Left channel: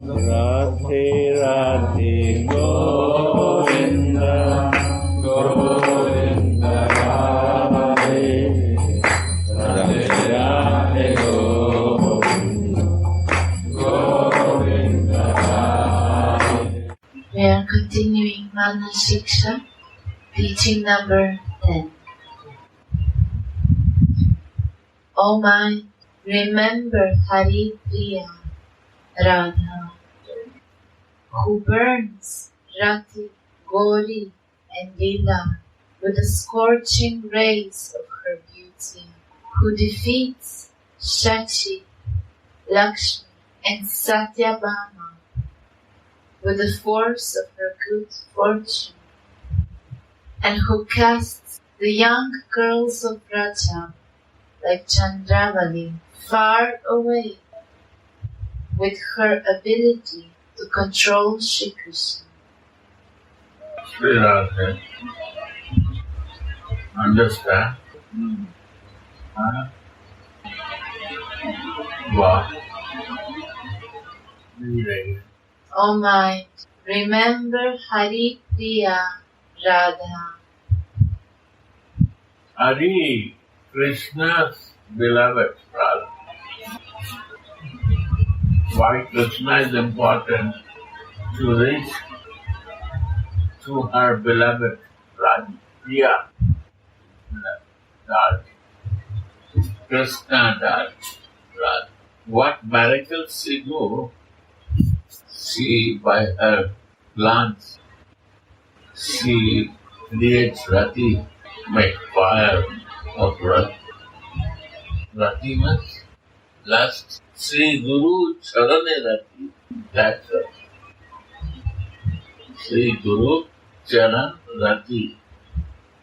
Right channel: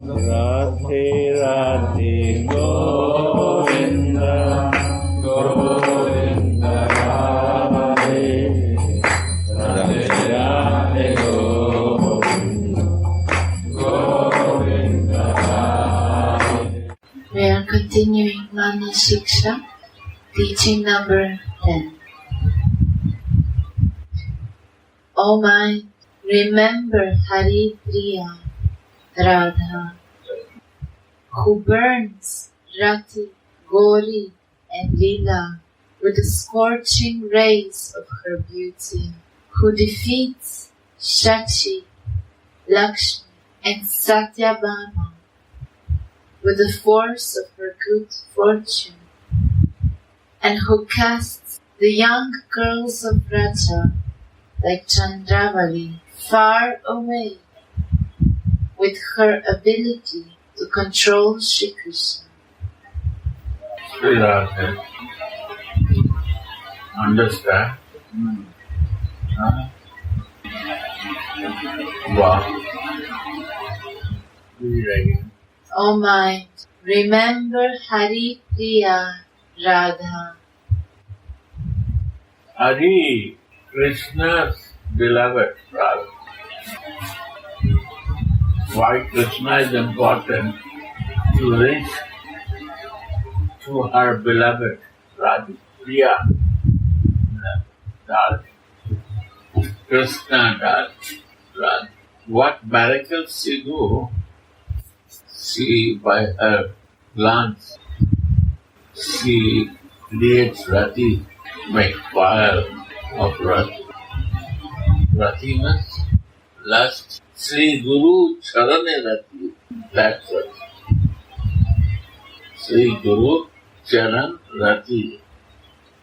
Radhe Radhe Govinda Govinda Radhe Radhe Radhe Govinda Govinda Radhe. We are continuing Manah Siksha, teaching number 10. O mind, remember Hari Priya Radha, who burns Rati, Gauri and Leela with the scorching rays of her beauty, who defeats Shachi, Lakshmi and Satyabhama with the force of her good fortune, and who casts the young girls of Raja like Chandravali far away with her ability to control Shri Krishna. Sri Radha, understand? Wow. Read again. O mind, remember Hari Priya Radha. Hari, Krishna's beloved Radha. Why Krishna is important? To reach to her beloved Radha, Priya, Radha, Krishna Radha. What miracles she do? She, by her glance, she creates Rati, make fire of Rati. Rati means lust. Sri Guru Charane Rati, that's Rati. Sri Guru Charan Rati.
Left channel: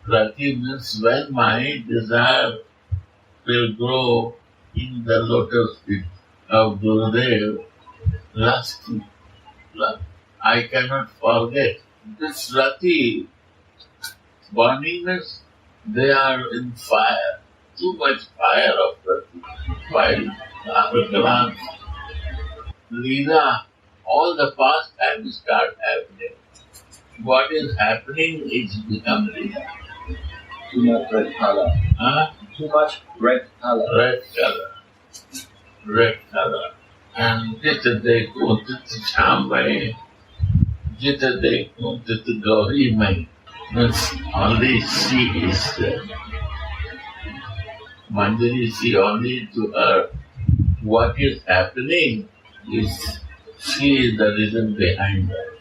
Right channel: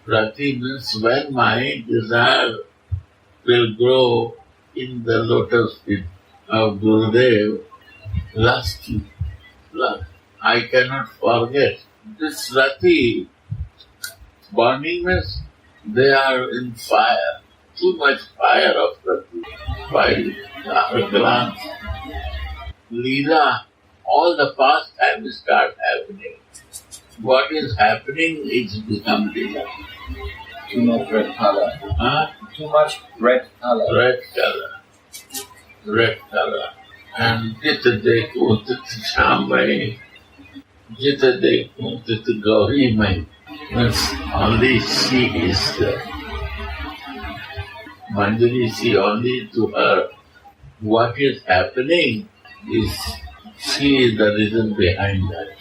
Rati means when my desire will grow in the lotus feet of Gurudev, lust. I cannot forget. This Rati, burningness, they are in fire. Too much fire of Rati. By our glance. Leela, all the past time start happening. What is happening is become Leela. Too much red color. Too much red color. Red color. Red color. And Jita de kuntit Shamai, Jita de kuntit Gauri. Means only she is there. Manjari, see only to her. What is happening is she is the reason behind that.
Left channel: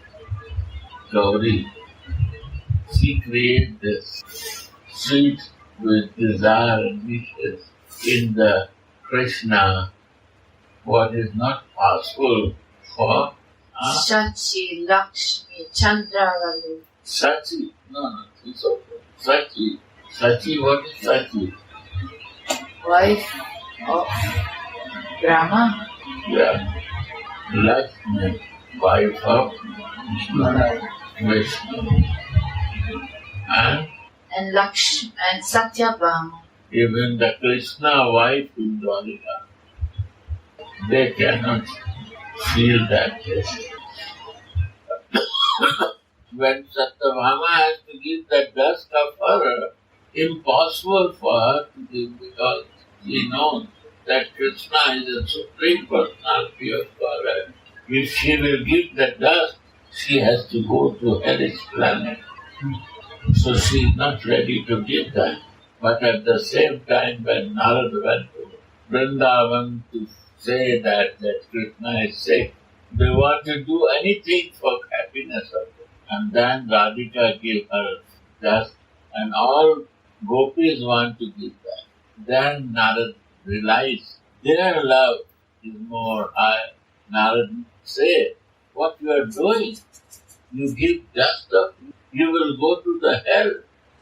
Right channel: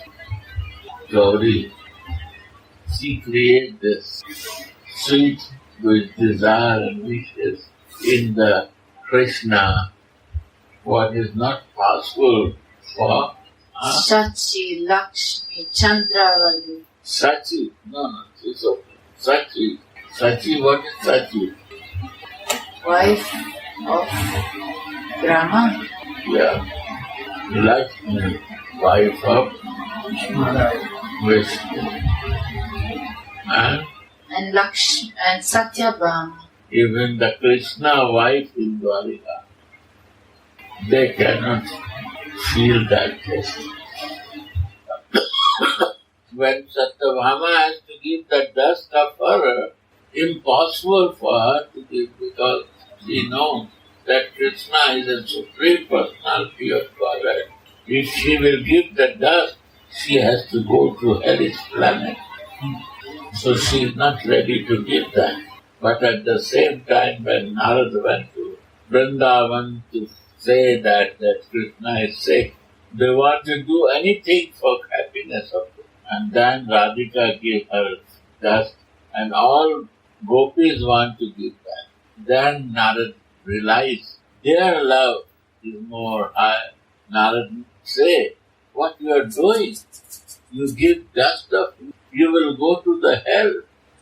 Gauri, she creates this sweet with desire and wishes in the Krishna, what is not possible for Shachi, Lakshmi, Chandravali. Sachi. No, it's okay. Sachi. Sachi, what is Sachi? Wife of Brahma. Yeah. Lakshmi, wife of Vishnu. And Lakshmi and Satyabhama. Even the Krishna wife in Dwarika, they cannot feel that taste. When Satyabhama has to give the dust of her, impossible for her to give because she knows that Krishna is a supreme personality of Godhead. If she will give the dust, she has to go to hellish planet. So she is not ready to give that. But at the same time, when Narada went to Vrindavan to say that Krishna is sick, they want to do anything for happiness of him. And then Radhika gave her dust, and all gopis want to give that. Then Narada realized their love is more high. Narada say, what you are doing? You give dust of you will go to the hell.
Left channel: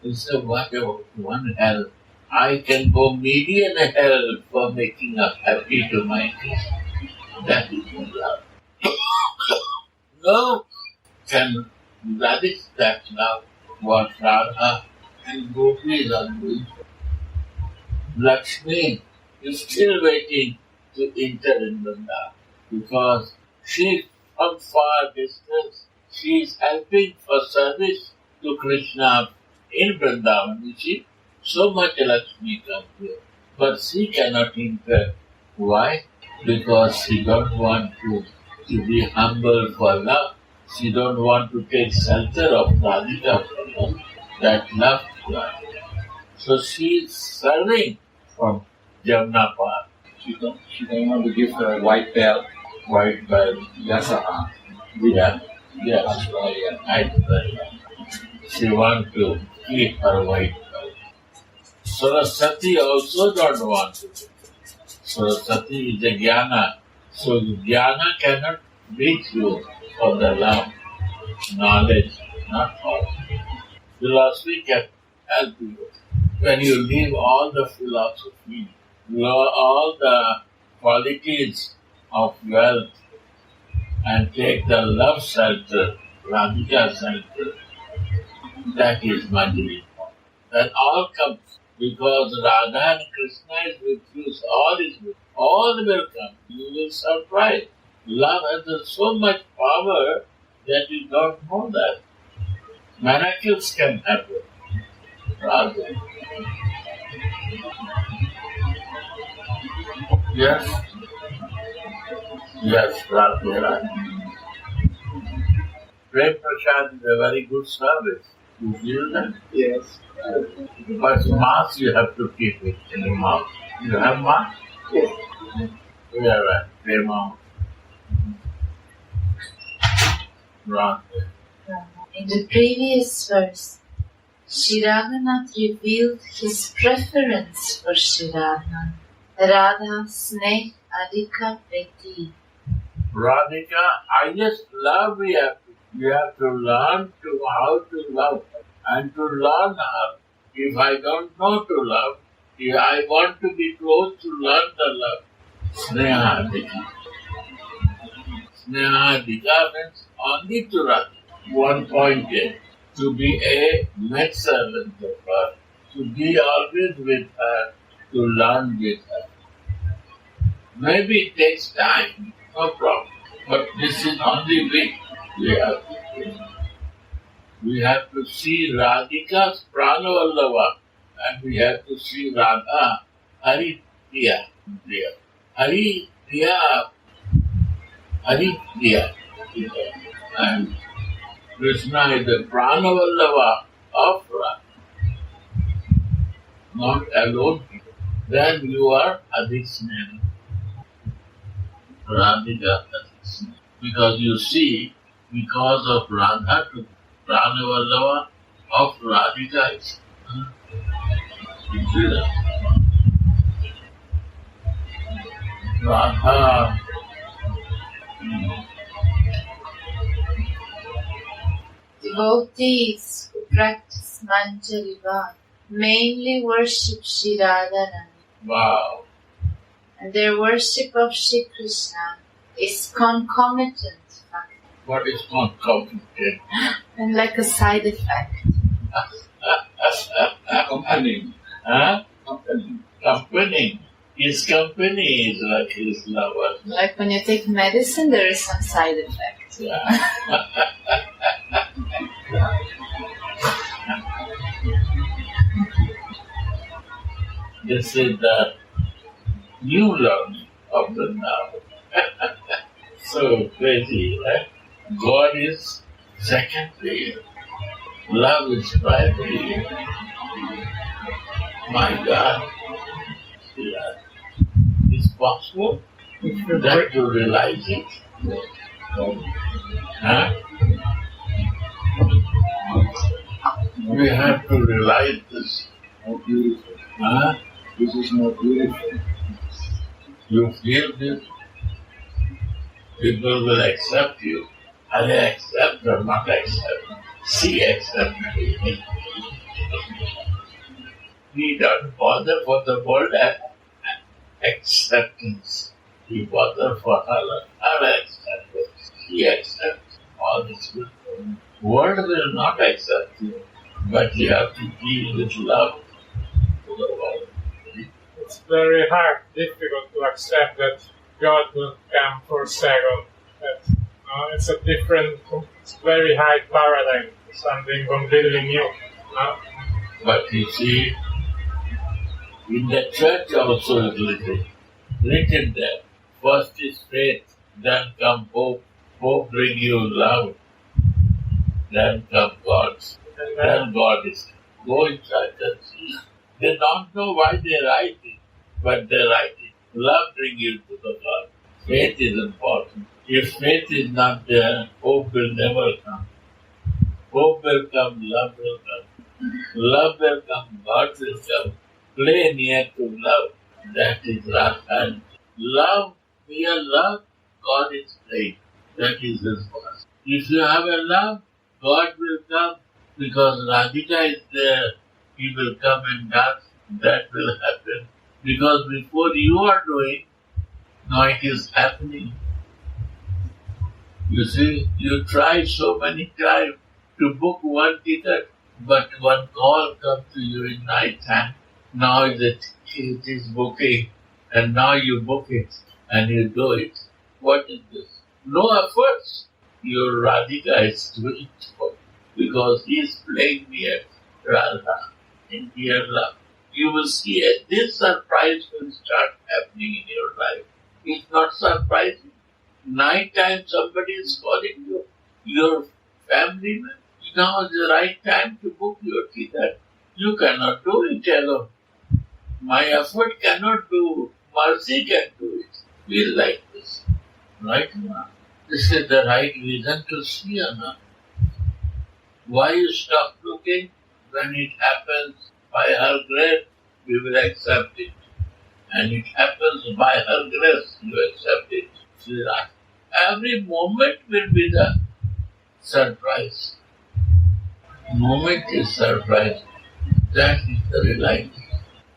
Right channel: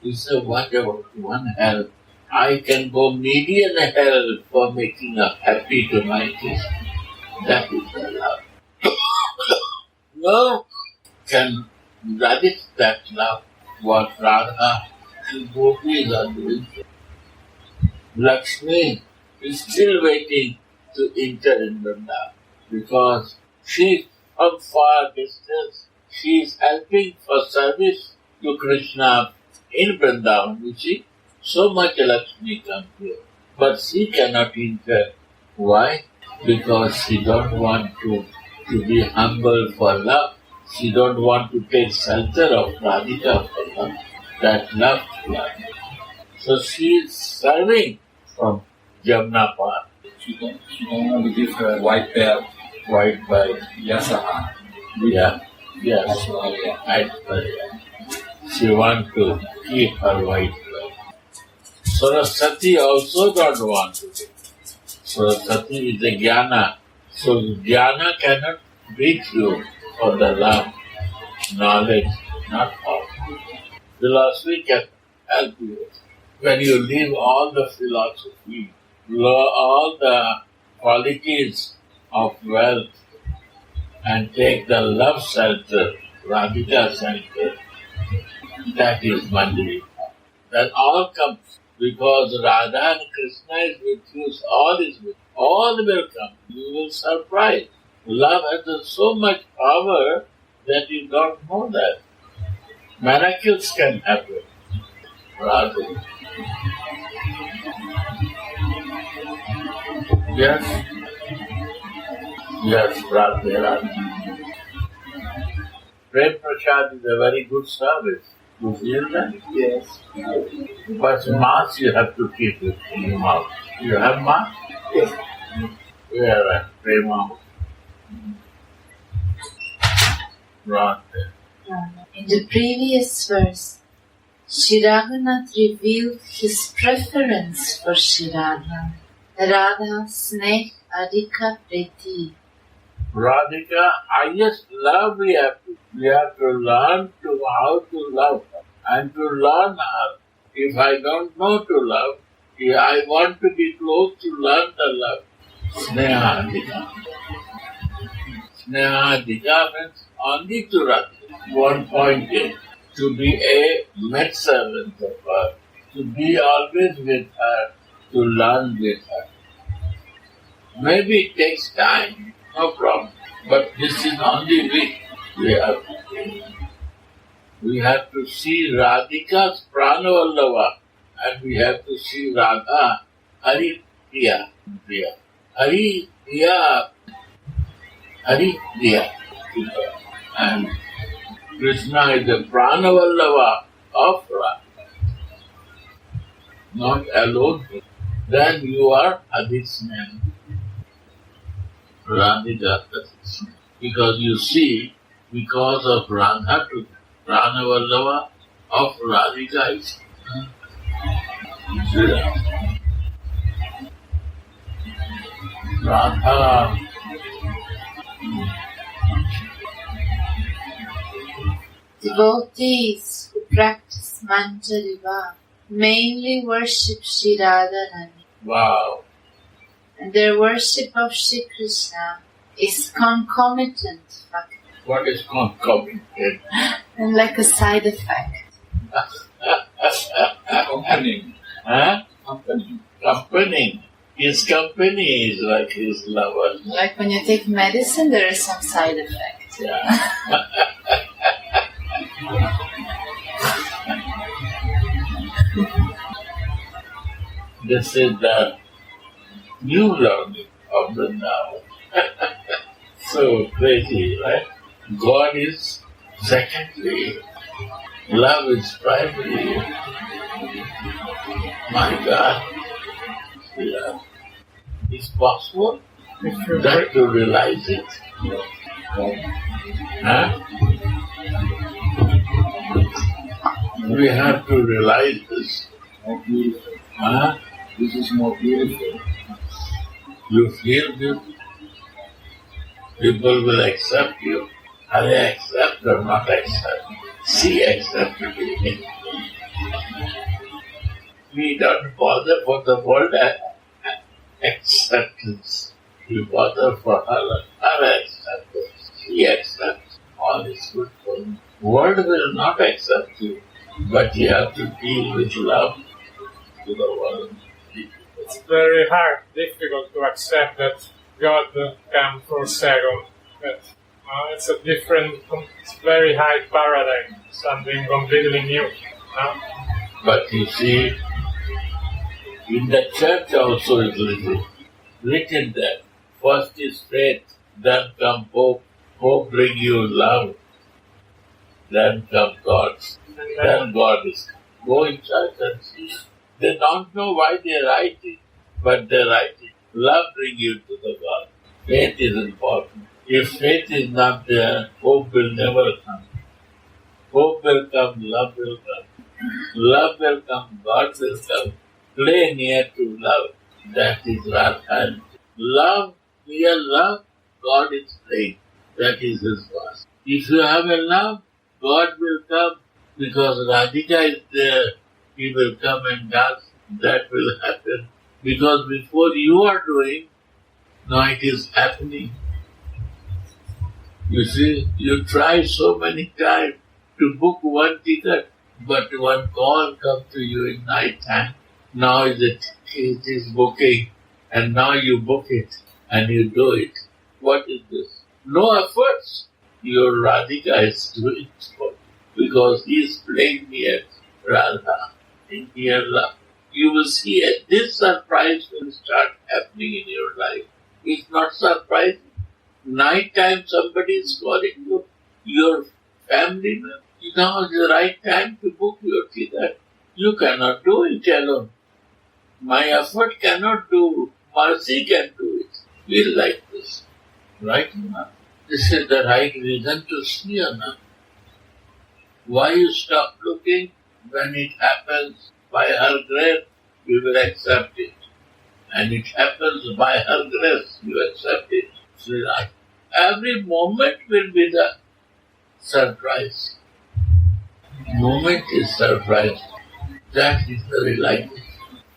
He said, what about one hell? I can go million hell for making a happy to my Krishna. That is my love. No can relish that love, what Radha and gopis are doing. Lakshmi is still waiting to enter in Vrindavan because she from far distance. She is helping for service to Krishna in Vrindavan. You see, so much Lakshmi comes here. But she cannot enter. Why? Because she don't want to be humble for love. She don't want to take shelter of Radhika for love. That love love. So she is serving from Jamna Par. She don't want to give her white belt. White belt. Yasaha. Yeah. Yes. Ashwarya. She wants to keep her white belt. Saraswati also don't want to. Saraswati is a jnana. So jnana cannot reach you for the love, knowledge, not all. Philosophy can help you. When you leave all the philosophy, all the qualities of wealth, and take the love shelter, Radhika shelter, that is Manjari. Then all comes because Radha and Krishna is with you, all is with you. All will come. You will surprise. Love has so much power that you don't know that. Miracles can happen. Radha. Yes. Yes, Radha. Prem Prasad is a very good service. You feel that? Yes. But mask you have to keep it in your mouth. You have mask? Yes. You have a Prema. Radha. In the previous verse, Shri Raghunath revealed his preference for Shri Radha. Radha Snehadika Preti. Radhika, highest love we have to. We have to learn how to love her and to learn her. If I don't know to love, if I want to be close to learn the love. Snehadika. Snehadika means only to Radhika. One point is to be a maidservant of her, to be always with her, to learn with her. Maybe it takes time, no problem. But this is only we have to see Radhika's Pranavallava and we have to see Radha Hari Priya. Hari Priya. And Krishna is the Pranavallava of Radha. Not alone. Then you are Adhisneha. Radhika Adhisneha. Because you see, because of Radha to Pranavallava of Radhika is Radha. Devotees who practice Manjariva mainly worship Shri Radharani. Wow. And their worship of Shri Krishna is concomitant. What is concomitant? And like a side effect. Accompanying. Huh? Accompanying. His company is like his lover. Like when you take medicine, there is some side effect. Yeah. This is the new learning of the now. So crazy, right? God is secondary. Love is primary. My God. Yeah. It's possible that to realize it. Huh? We have to realize this. More beautiful. Huh? This is more beautiful. You feel beautiful. People will accept you. Are they accept or not accept? She accepted me. We don't bother for the world acceptance. We bother for her acceptance. She accepts. All is good for you. World will not accept you, but you have to deal with love to the world. It's very hard, difficult to accept that God came for a second, that It's a different, it's very high paradigm, something completely new. But you see, in the church also is written that first is faith, then come hope. Hope bring you love, then come God. Then God is go in church and see. They don't know why they write it, but they write it. Love bring you to the God. Faith is important. If faith is not there, hope will never come. Hope will come, love will come. Love will come, God will come. Play near to love. That is Radha. Love, mere love, God is playing. That is His verse. If you have a love, God will come because Radhika is there. He will come and dance. That will happen. Because before you are doing, now it is happening. You see, you try so many times to book one ticket, but one call comes to you in night time. Now it is booking, and now you book it, and you do it. What is this? No efforts. Your Radhika is doing it for you, because he is playing near Radha, in your love. You will see this surprise will start happening in your life. It's not surprising. Night time somebody is calling you, your family member. Now is the right time to book your ticket. You cannot do it alone. My effort cannot do. Mercy can do it. Feel like this. Right now. This is the right reason to see or not. Why you stop looking? When it happens by her grace, we will accept it. And it happens by her grace, you accept it. Every moment will be the surprise. Moment is surprise. That is the realization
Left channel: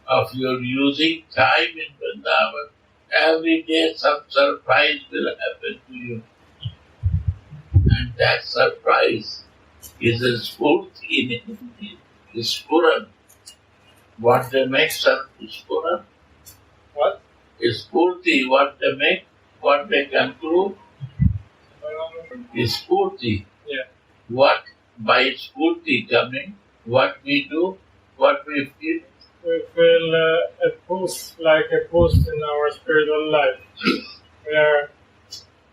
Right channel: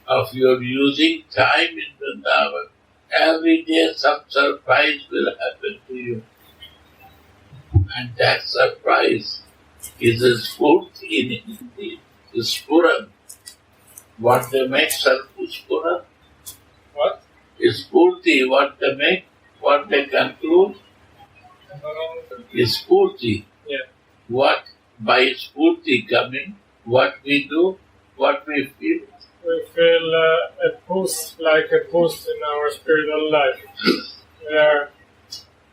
of your using time in Vrindavan. Every day some surprise will happen to you. And that surprise is a spurti in Hindi. Spuran. What they make Spuran? What? Spurti, what they make, what they conclude is Spurti. Yeah. What by Spurti coming, what we do, what we feel. We feel a boost, like a boost in our spiritual life. We are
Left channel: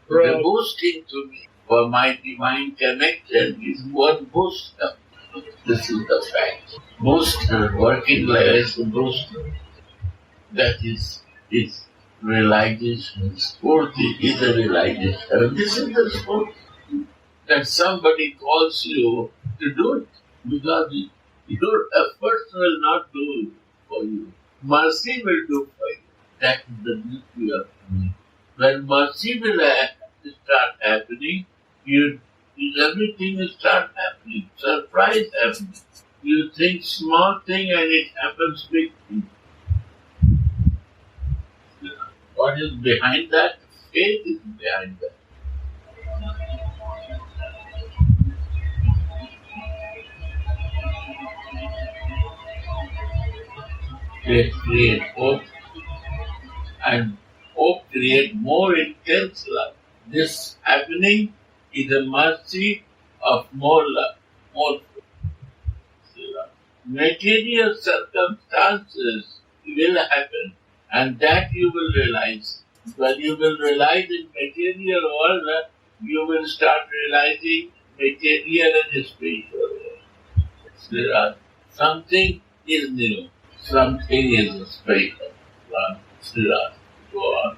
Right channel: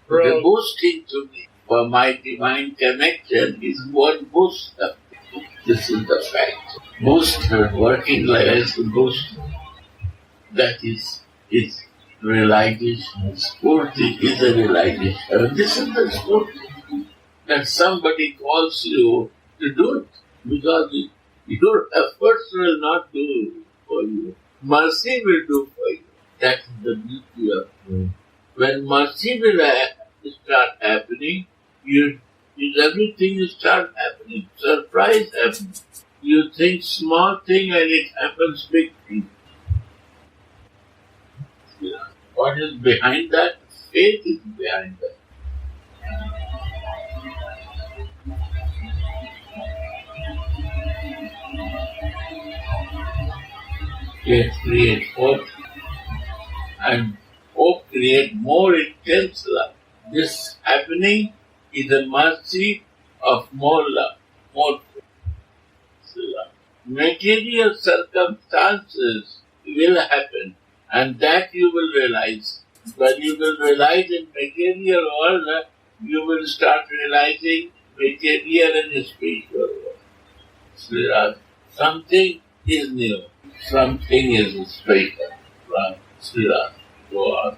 The boosting to me for my divine connection is one booster. This is the fact. Booster, working as a booster. That is realization. Spurti is a realization. This is the spurti. That somebody calls you to do it because your efforts will not do for you. Mercy will do for you. That is the beauty of doing. When mercy will start happening, everything will start happening. Surprise happens. You think small thing and it happens big thing. What is behind that? Faith is behind that. Faith creates hope, and hope creates more intense love. This happening is a mercy of more love, more love. Material circumstances will happen, and that you will realize. When you will realize in material world, you will start realizing material and spiritual world. Something is new. Something is spiritual. Go on.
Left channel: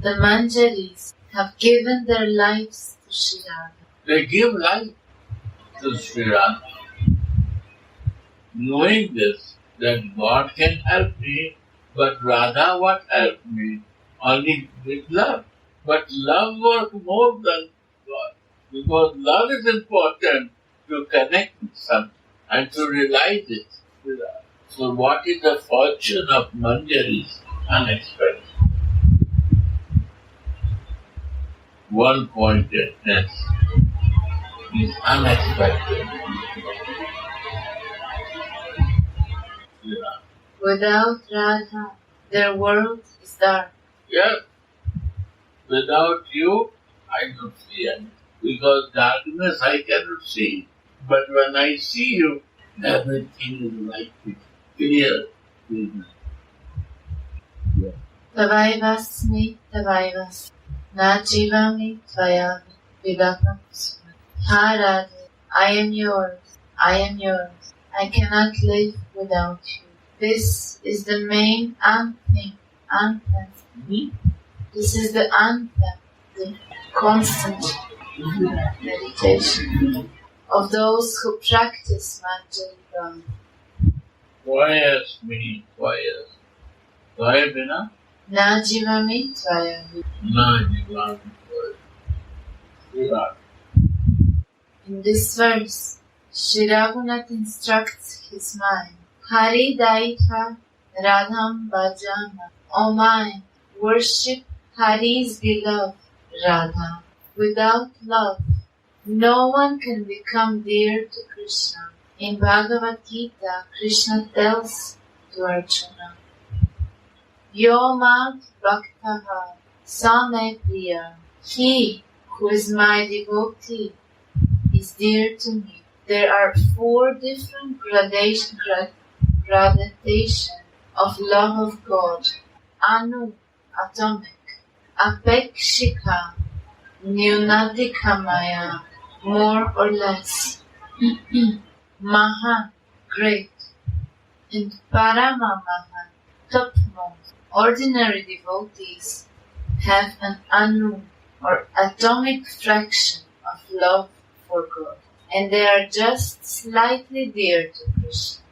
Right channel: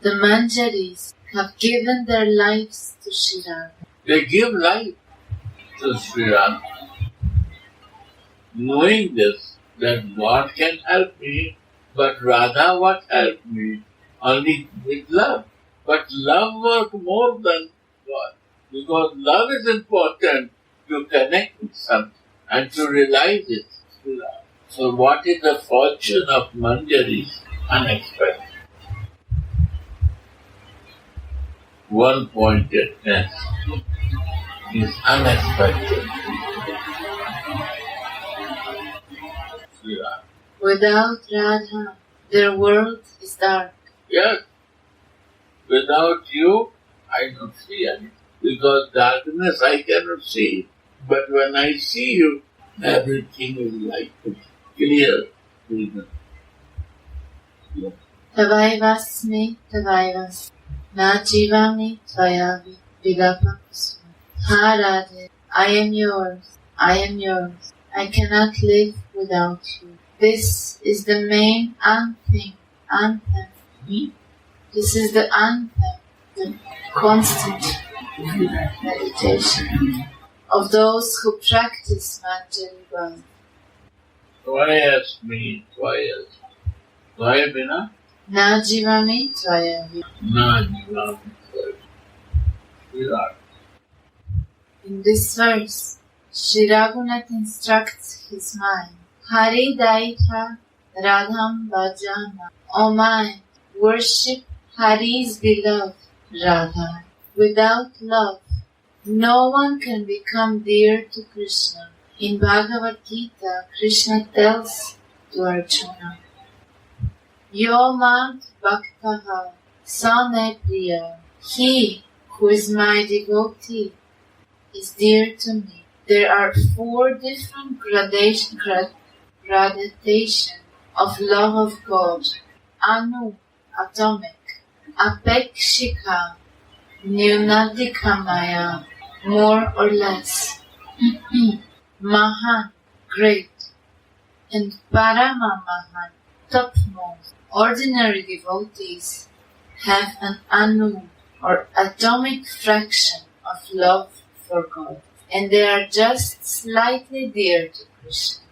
The Manjaris have given their lives to Sri Radha. They give life to Sri Radha. Knowing this, that God can help me, but Radha what help me? Only with love. But love works more than God. Because love is important to connect with something and to realize it. So what is the fortune of Manjaris? Unexpected. One-pointedness is unexpected. Without Radha, their world is dark. Yes, Without you, I don't see anything. Because darkness I cannot see. But when I see you, everything is like clear. Yeah. Tavaivasmi, Tavaivasmi, Najivami, Tvayavi, Vilapakusma. Ha Radha, I am yours, I am yours. I cannot live without you. This is the main anthem. This is the anthem, the constant meditation of those who practice Manjari. Tvayasmi. Tvayabina? Najivami, Tvayavi. Najivami. Virat. In this verse, Sri Raghunath instructs his mind. Hari Daita Radham Bhajana. O mind, worship Hari's beloved Radha. Without love, no one can become dear to Krishna. In Bhagavad Gita, Krishna tells to Arjuna, Yo mant bhaktaha sa me priya. He who is my devotee is dear to me. There are 4 different gradations of love of God. Anu, atomic. Apekshika, Nyunadika Maya, more or less. Mahan, great. And Parama Mahan, topmost. Ordinary devotees have an anu, or atomic fraction of love for God, and they are just slightly dear to Krishna.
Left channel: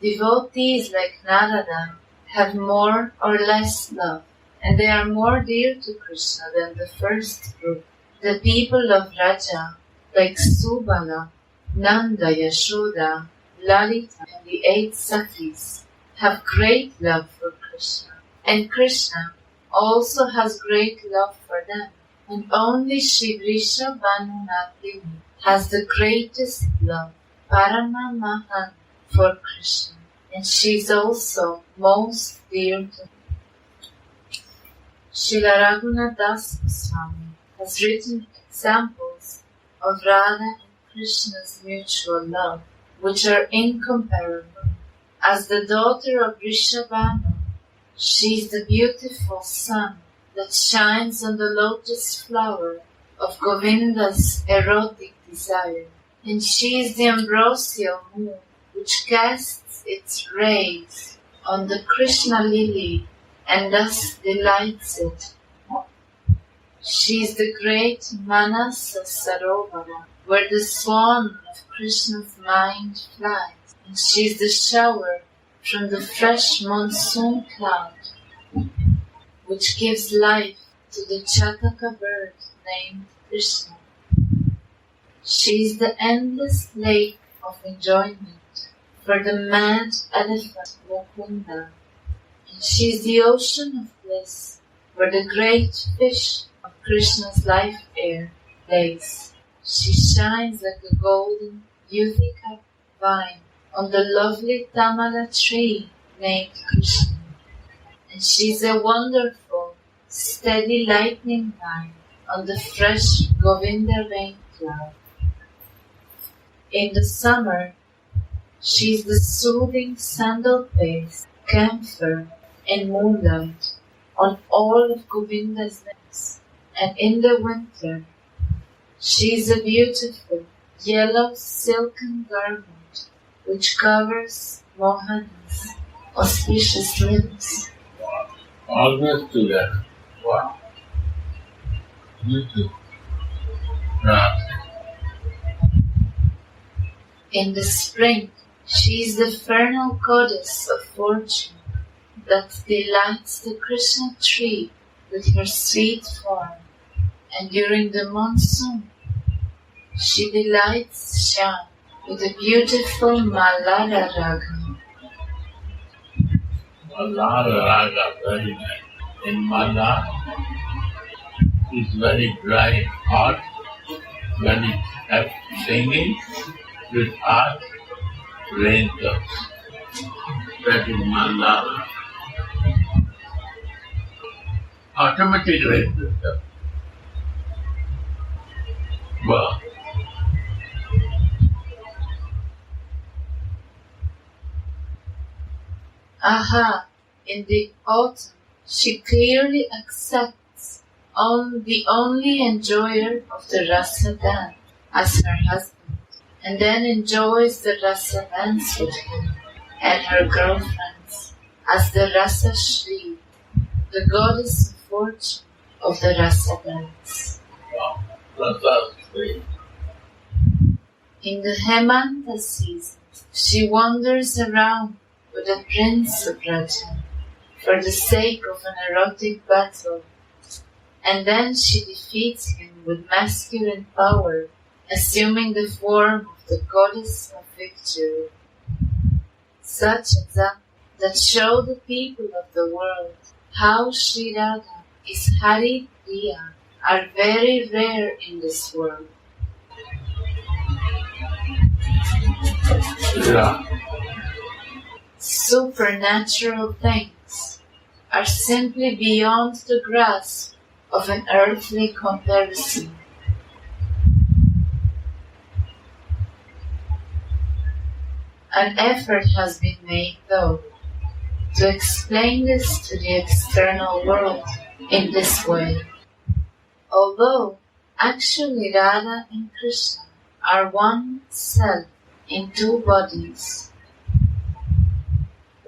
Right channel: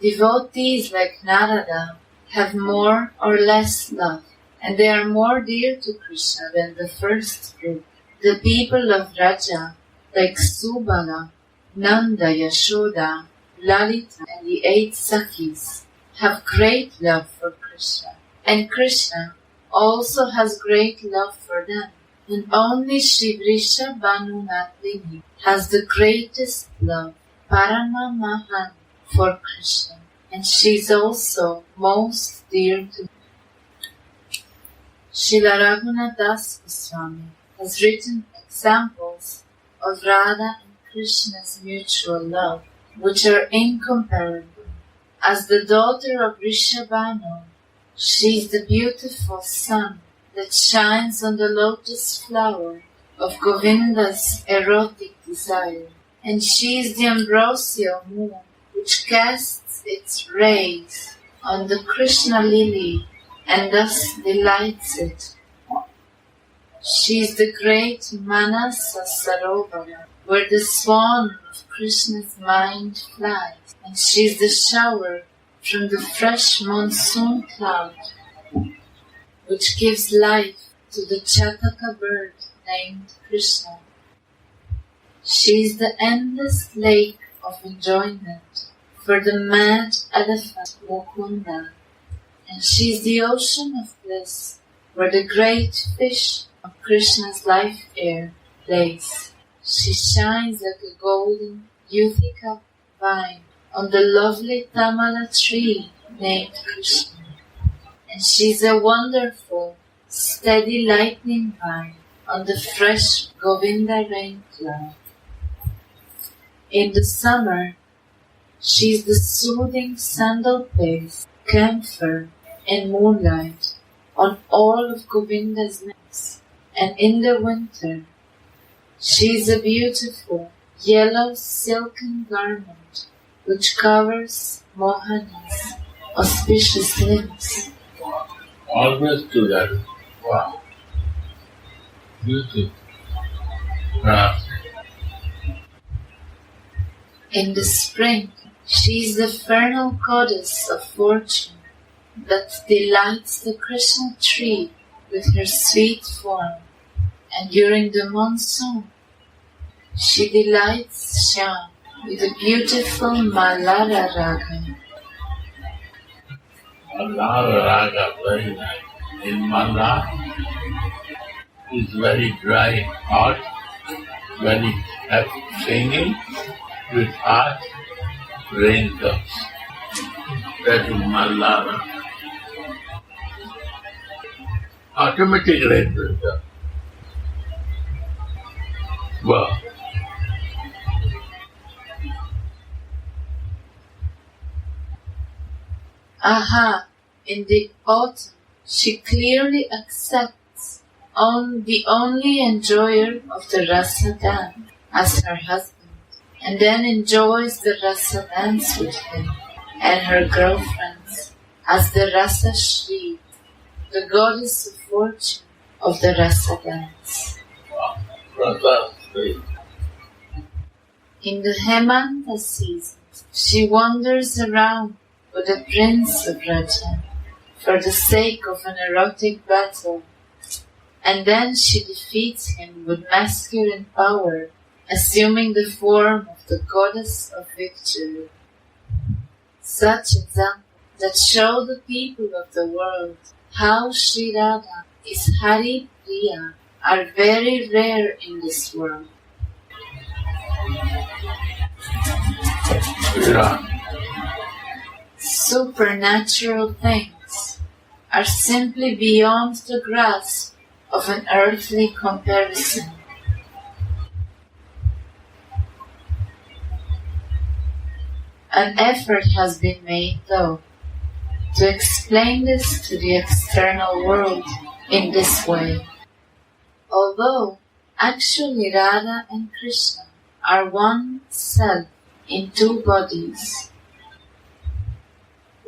Devotees like Narada have more or less love, and they are more dear to Krishna than the first group. The people of Raja, like Subala, Nanda, Yashoda, Lalita, and the 8 Sakhis, have great love for Krishna. And Krishna also has great love for them. And only Shri Vrishabhanu Nandini has the greatest love, Parama Mahan, for Krishna. And she is also most dear to him. Srila Raghunath Das Goswami has written examples of Radha and Krishna's mutual love, which are incomparable. As the daughter of Vrishabhanu, she is the beautiful sun that shines on the lotus flower of Govinda's erotic desire. And she is the ambrosial moon which casts its rays on the Krishna lily and thus delights it. She is the great Manasa Sarovara, where the swan of Krishna's mind flies, and she is the shower from the fresh monsoon cloud, which gives life to the Chataka bird named Krishna. She is the endless lake of enjoyment for the mad elephant Mukunda, and she is the ocean of bliss where the great fish of Krishna's life air plays. She shines like a golden Yuthika vine on the lovely Tamala tree named Krishna, and she is a wonderful, steady lightning vine on the fresh Govinda rain cloud. In the summer, she is the soothing sandal paste, camphor, and moonlight on all of Govinda's lips, and in the winter, she is a beautiful yellow silken garment which covers Mohana's auspicious limbs. Wow. Always together. Wow. Beautiful. In the spring, she is the vernal goddess of fortune that delights the Krishna tree with her sweet form, and during the monsoon, she delights Shyam with a beautiful Mallara Raga. Mallara Raga, very nice. In Manah, is very dry, hot, very singing with hot rain comes. That is Mallara. Automatic right filter. Wow. Aha, in the autumn, she clearly accepts the only enjoyer of the rasa dance as her husband, and then enjoys the rasa dance with him and her girlfriends as the rasa Shri, the goddess of fortune of the rasa dance. Wow. Rasa Shri. In the Hemanta season, she wanders around with the prince of Raja for the sake of an erotic battle, and then she defeats him with masculine power, assuming the form of the goddess of victory. Such examples that show the people of the world how Sri Radha is Hari Priya are very rare in this world. Yeah. Supernatural things are simply beyond the grasp of an earthly comparison. An effort has been made, though, to explain this to the external world in this way. Although actually Radha and Krishna are one self in two bodies,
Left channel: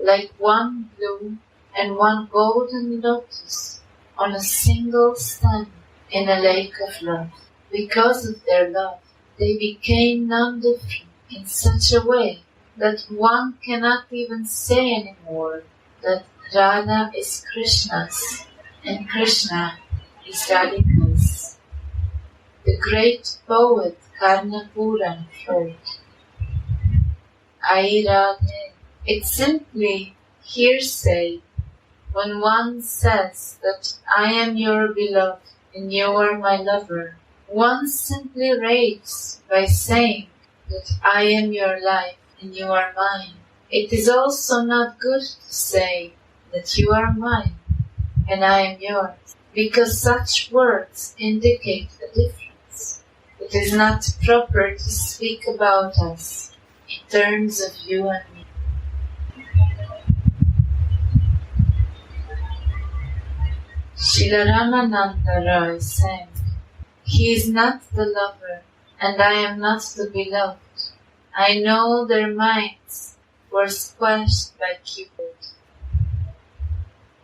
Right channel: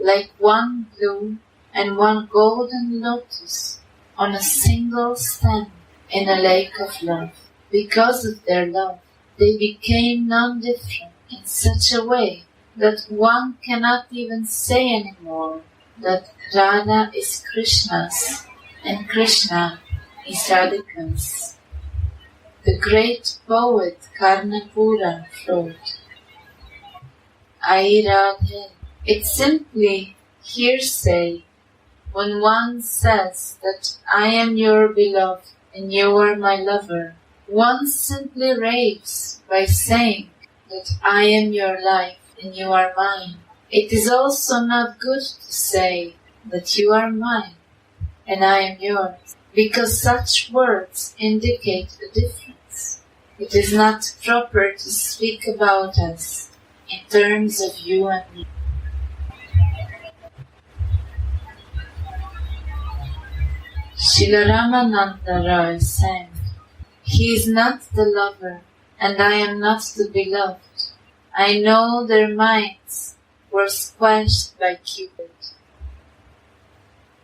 like one blue and one golden lotus on a single stem in a lake of love. Because of their love, they became non-different in such a way that one cannot even say anymore that Radha is Krishna's and Krishna is Radhika's. The great poet Karnapuran wrote, Ai Radhe. It's simply hearsay when one says that I am your beloved and you are my lover. One simply raves by saying that I am your life and you are mine. It is also not good to say that you are mine and I am yours, because such words indicate a difference. It is not proper to speak about us in terms of you and me. Srila Ramananda Roy sang, He is not the lover, and I am not the beloved. I know their minds were squashed by Cupid.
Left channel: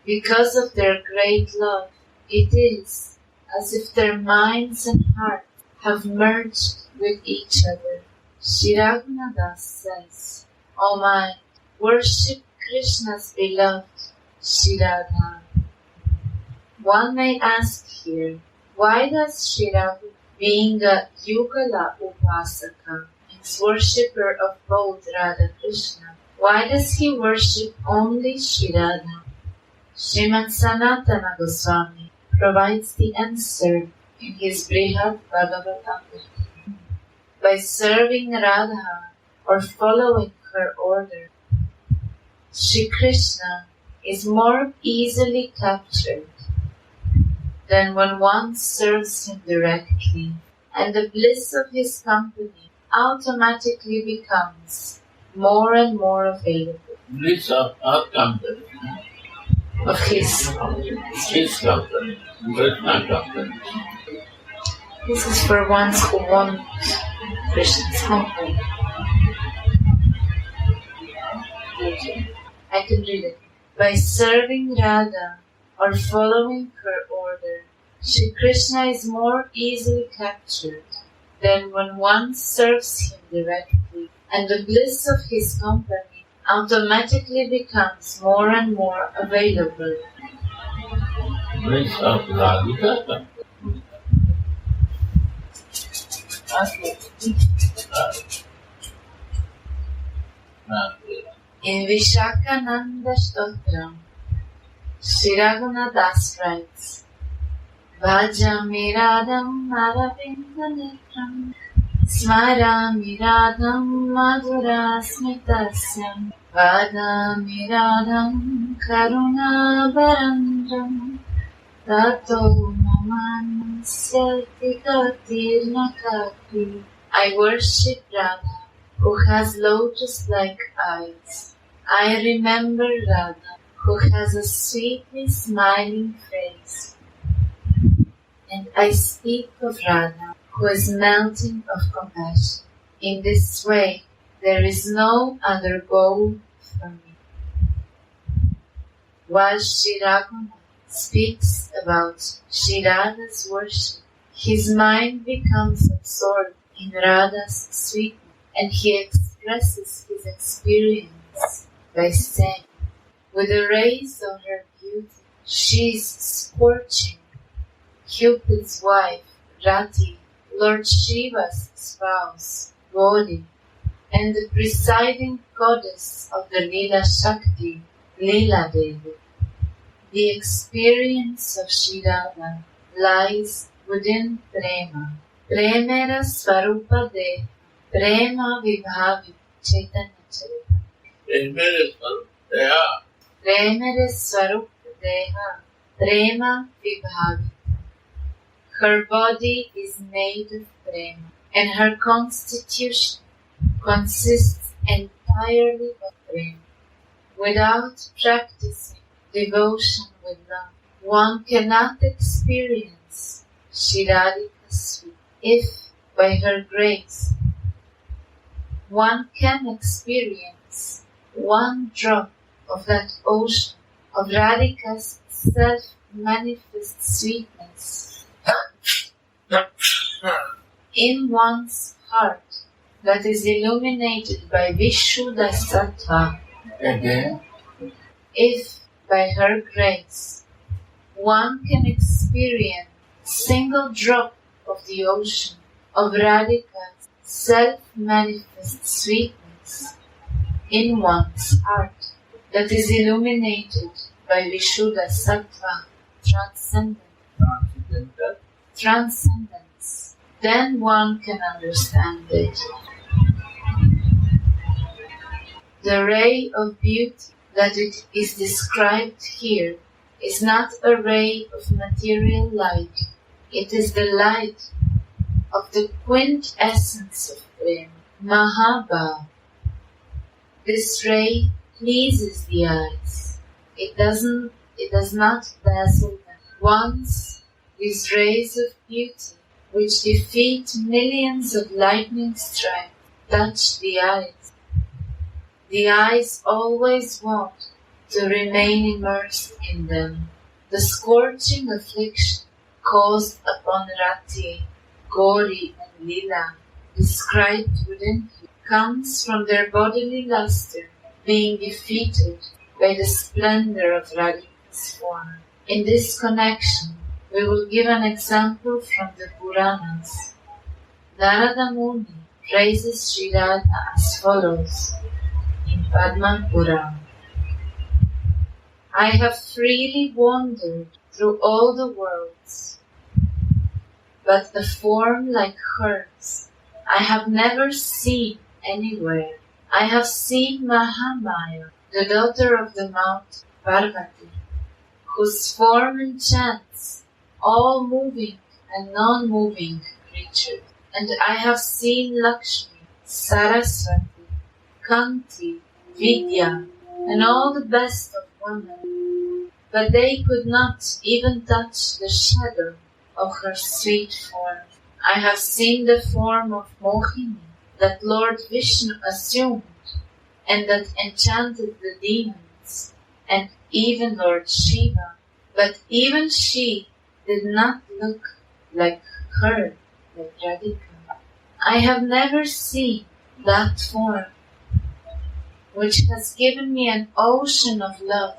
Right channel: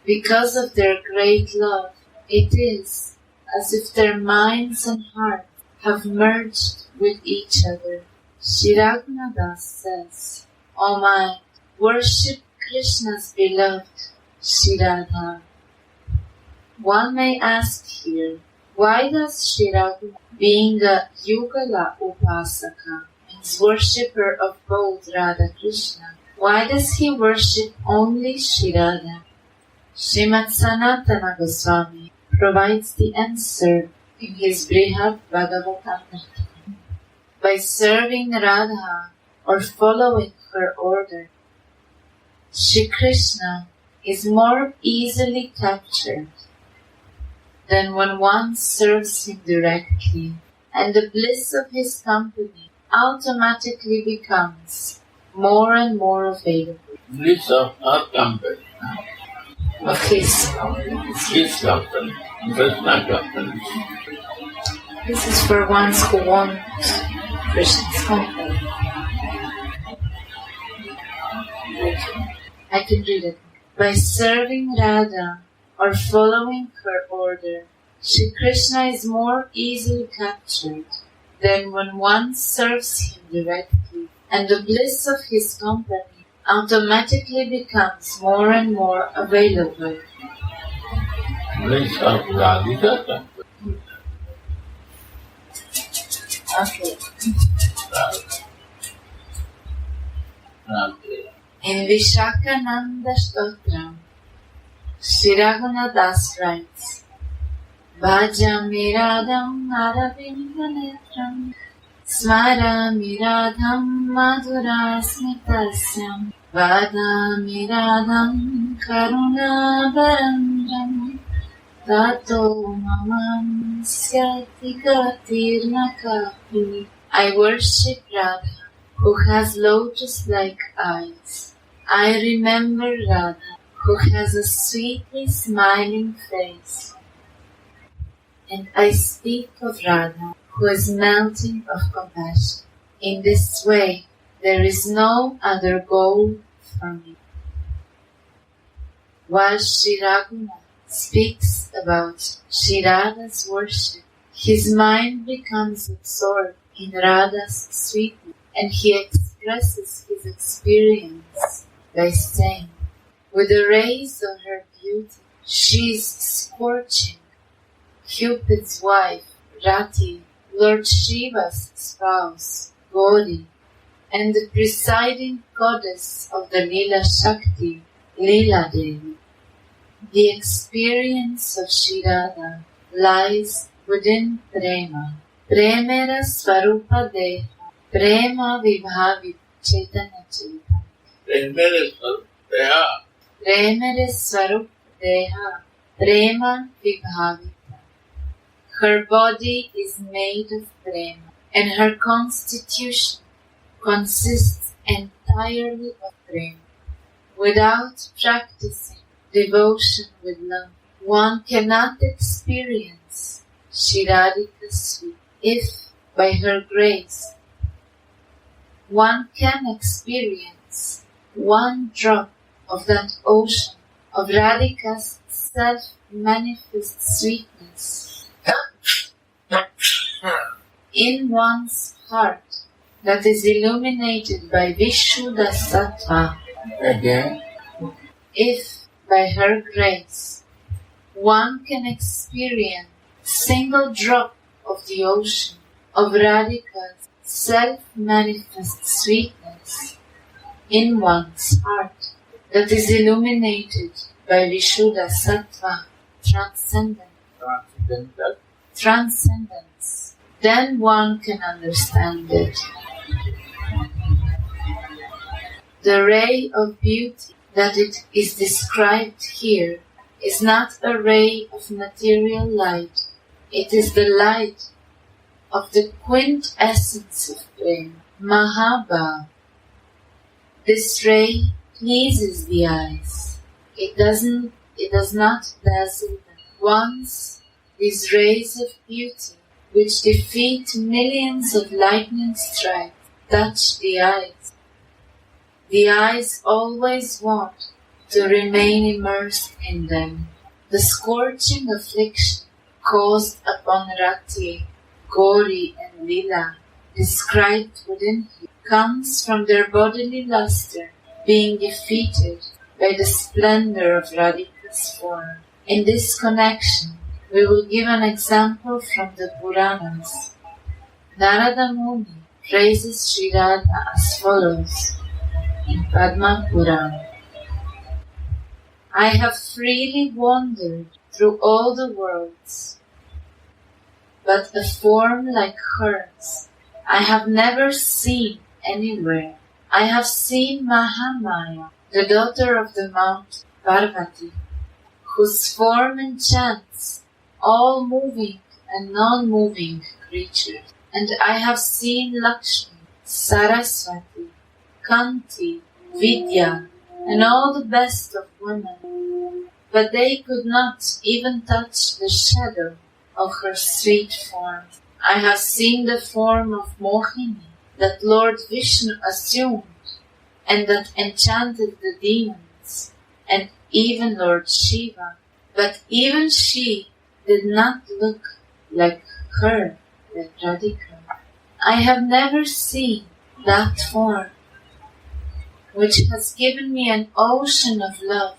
Because of their great love, it is as if their minds and hearts have merged with each other. Shri Raghunadas says, O mind, worship Krishna's beloved, Shri Radha. One may ask here, why does Shri Raghunadas, being a Yugala Upasaka, means worshipper of both Radha Krishna, why does he worship only Shri Radha? Srimad Sanatana Goswami provides the answer in his Brihad Bhagavatam. By serving Radha or following her order, Shri Krishna is more easily captured than when one serves him directly, and the bliss of his company automatically becomes more and more available. Bliss of our company. Of his. His company. Krishna company. This is for ones who want Krishna's company. I can read it. By serving Radha or following her order, Shri Krishna is more easily captured than when one serves him directly, and the bliss of his company automatically becomes more and more available. Bliss of Radhika company. Okay. Okay. In Vishakananda Stotram, Shri Raghunadas writes, Bhajami Radham Aravindanetram Smarami Radham Madhura Smitasyam Vadami Radham Karuna Barandram Tato Mamanasya Tigatirna Kapi. I worship Radha, who has lotus-like eyes. I remember Radha, who has a sweetly smiling face. And I speak of Radha, who is melting of compassion. In this way, there is no other goal for me. While Sri Raghunath speaks about Sri Radha's worship, his mind becomes absorbed in Radha's sweetness, and he expresses his experience by saying, with the rays of her beauty, she's scorching Cupid's wife, Rati, Lord Shiva's spouse, Gauri, and the presiding goddess of the Leela Shakti, Leela Devi. The experience of Sri Radha lies within Prema. Premera Swarupa Deha, Prema Vibhavi Chaitanya Chaitanya. Premera Swarupa Deha, Prema Vibhavi. Her body is made of prema, and her constitution consists entirely of prema. Without practicing devotion with love, one cannot experience Snehadika's sweet. If, by her grace, one can experience one drop of that ocean of Radhika's self-manifest sweetness in one's heart that is illuminated by Vishuddha Sattva, Again, if by her grace one can experience a single drop of the ocean of Radhika's self-manifest sweetness in one's heart that is illuminated by Vishuddha Sattva, transcendence, then one can understand it. The ray of beauty that it is described here is not a ray of material light. It is the light of the quintessence of Prema, Mahabhav. This ray pleases the eyes. It does not dazzle them. Once these rays of beauty, which defeat millions of lightning strikes, touch the eyes always want to remain immersed in them. The scorching affliction caused upon Rati, Gauri and Leela, described within here, comes from their bodily luster being defeated by the splendor of Radhika's form. In this connection, we will give an example from the Puranas. Narada Muni praises Sri Radha as follows in Padma Purana. I have freely wandered through all the worlds, but a form like hers I have never seen anywhere. I have seen Mahamaya, the daughter of the mountain Parvati, whose form enchants all moving and non-moving creatures. And I have seen Lakshmi, Saraswati, Kanti, Vidya, and all the best of women, but they could not even touch the shadow of her sweet form. I have seen the form of Mohini that Lord Vishnu assumed and that enchanted the demons, and even Lord Shiva, but even she did not look like her, like Radhika. I have never seen that form, which has given me an ocean of love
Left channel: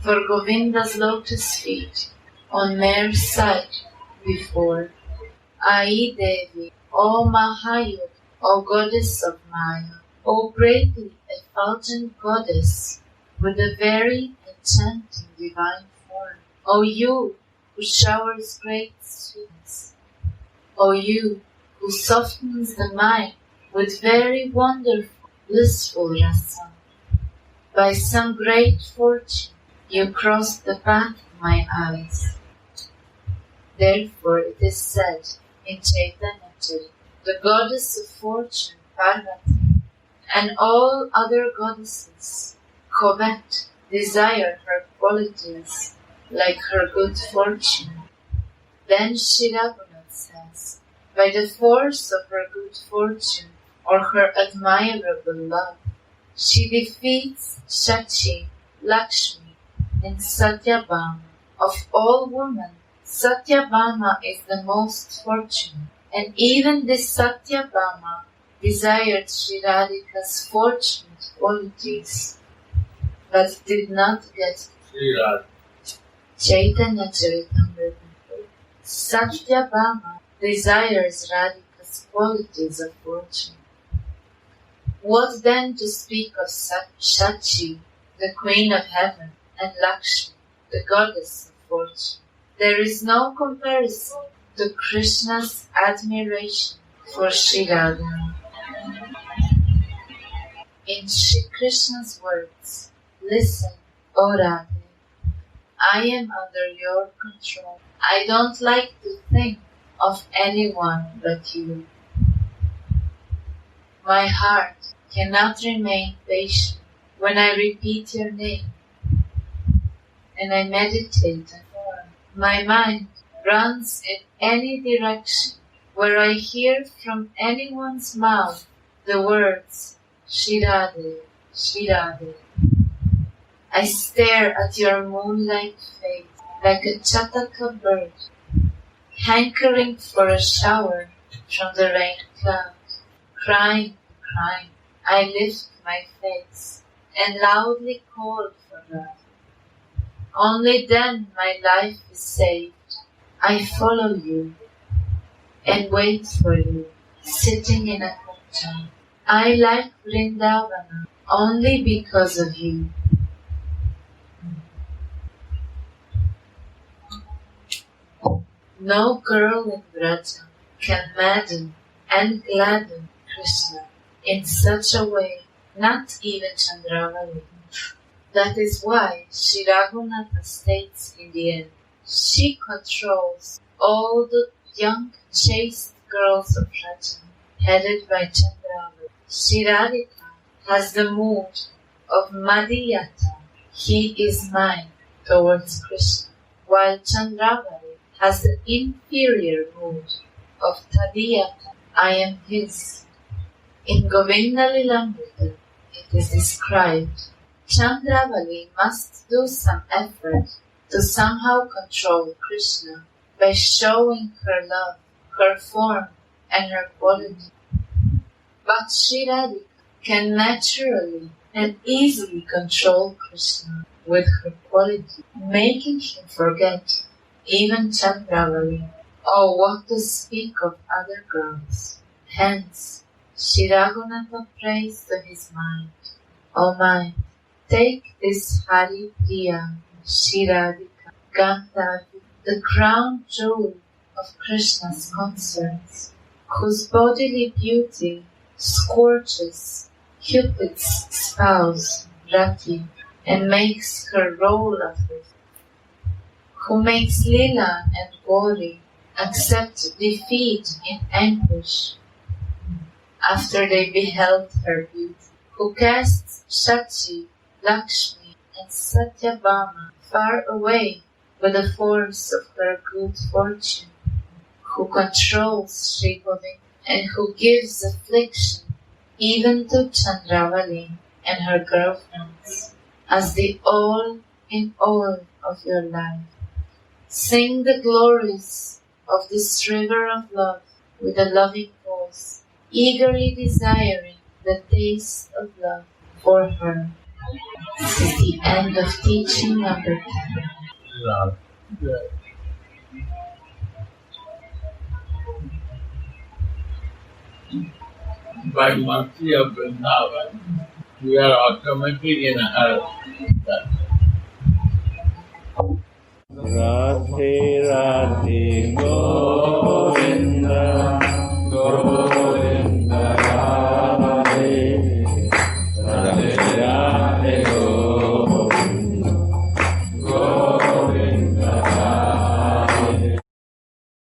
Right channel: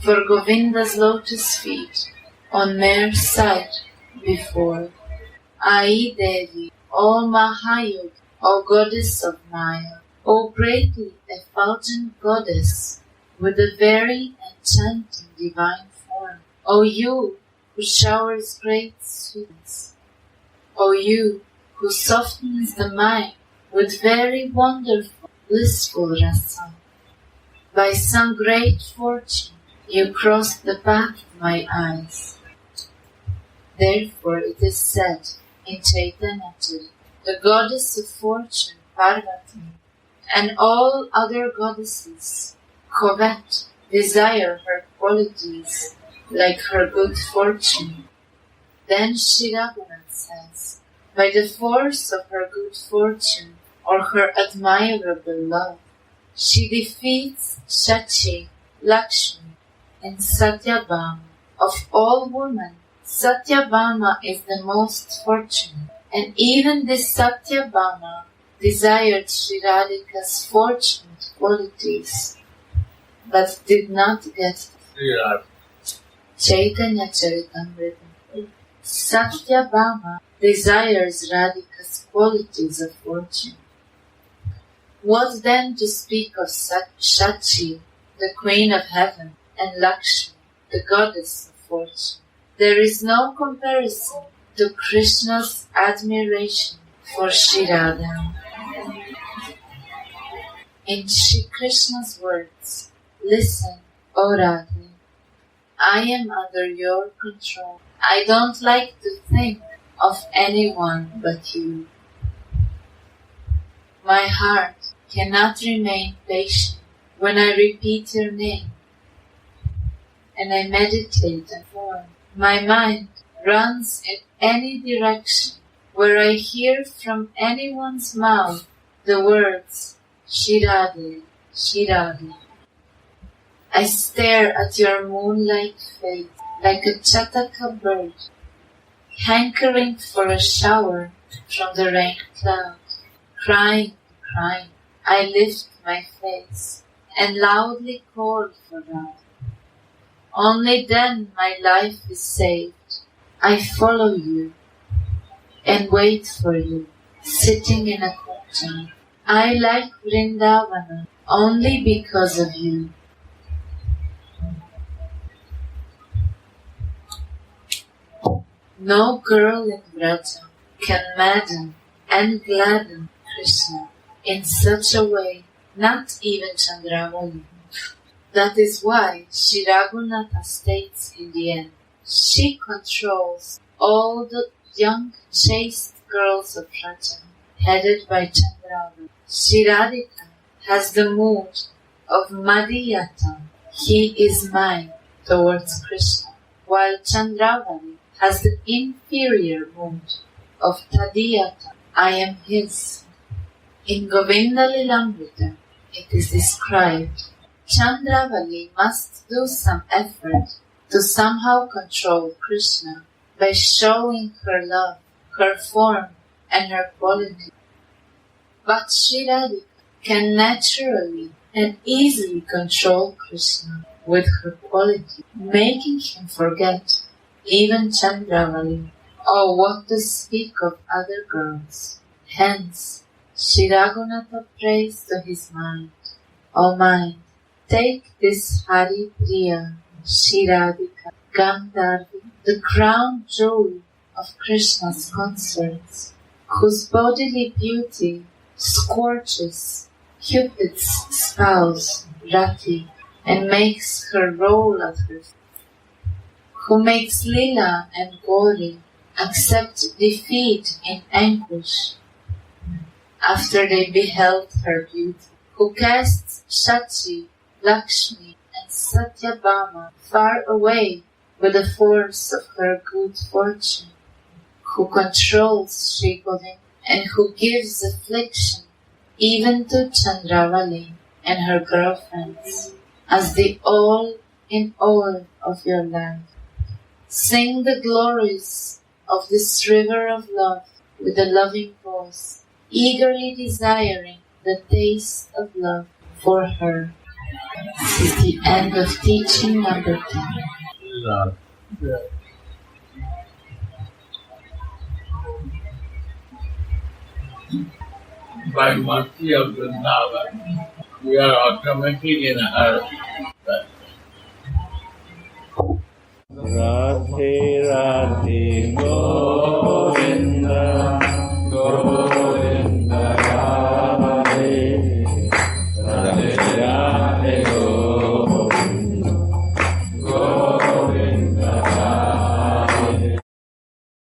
for Govinda's lotus feet on mere sight before. Ai Devi, O Mahayog, O goddess of Maya, O greatly effulgent goddess with a very enchanting divine form, O you who showers great sweetness, O you who softens the mind with very wonderful, blissful rasa. By some great fortune you crossed the path of my eyes. Therefore it is said in Chaitanya Charitamrita, the goddess of fortune, Parvati, and all other goddesses covet, desire her qualities like her good fortune. Then Shri Raghunath says, by the force of her good fortune or her admirable love, she defeats Shachi, Lakshmi, and Satyabhama. Of all women, Satyabhama is the most fortunate, and even this Satyabhama desired Sri Radhika's fortunate qualities, but did not get Chaitanya Charitamrita. Satyabhama desires Radhika's qualities of fortune. What then to speak of Shachi, the queen of heaven, and Lakshmi, the goddess of fortune? There is no comparison to Krishna's admiration for Sri Radha. In Sri Krishna's words, listen, O Radha, I am under your control. I don't like to think of anyone but you. My heart cannot remain patient when I repeat your name and I meditate on form. My mind runs in any direction where I hear from anyone's mouth the words Shri Radha, Shri Radha. I stare at your moonlight face like a chataka bird, hankering for a shower from the rain cloud. Crying, crying, I lift my face and loudly call for Radha. Only then my life is saved. I follow you and wait for you, sitting in a kunja. I like Vrindavana only because of you. No girl in Vraja can madden and gladden Krishna in such a way, not even Chandravali. That is why Sri Raghunatha states in the end, she controls all the young chaste girls of Vraja, headed by Chandravali. Sri Radhika has the mood of Madhyata, he is mine, towards Krishna, while Chandravali has the inferior mood of Tadiyata, I am his. In Govinda Lilamrita, it is described, Chandravali must do some effort to somehow control Krishna by showing her love, her form, and her quality. But Sri Radhika can naturally and easily control Krishna with her quality, making him forget even Chandravali, or what to speak of other girls. Hence, Sri Raghunatha prays to his mind, O mind, take this Hari Priya, Sri Radhika, Gandharvi, the crown jewel of Krishna's concerts, whose bodily beauty scorches Cupid's spouse, Rati, and makes her roll at her feet, who makes Lila and Gauri accept defeat in anguish after they beheld her beauty, who casts Shachi, Lakshmi, and Satyabhama far away with the force of her good fortune, who controls Sri Govinda, and who gives affliction even to Chandravali and her girlfriends, as the all in all of your life. Sing the glories of this river of love with a loving voice, eagerly desiring the taste of love for her. This is the end of teaching number 10. Lord. By mercy of Vrindavan, we are automatically in her. Radhe Radhe Go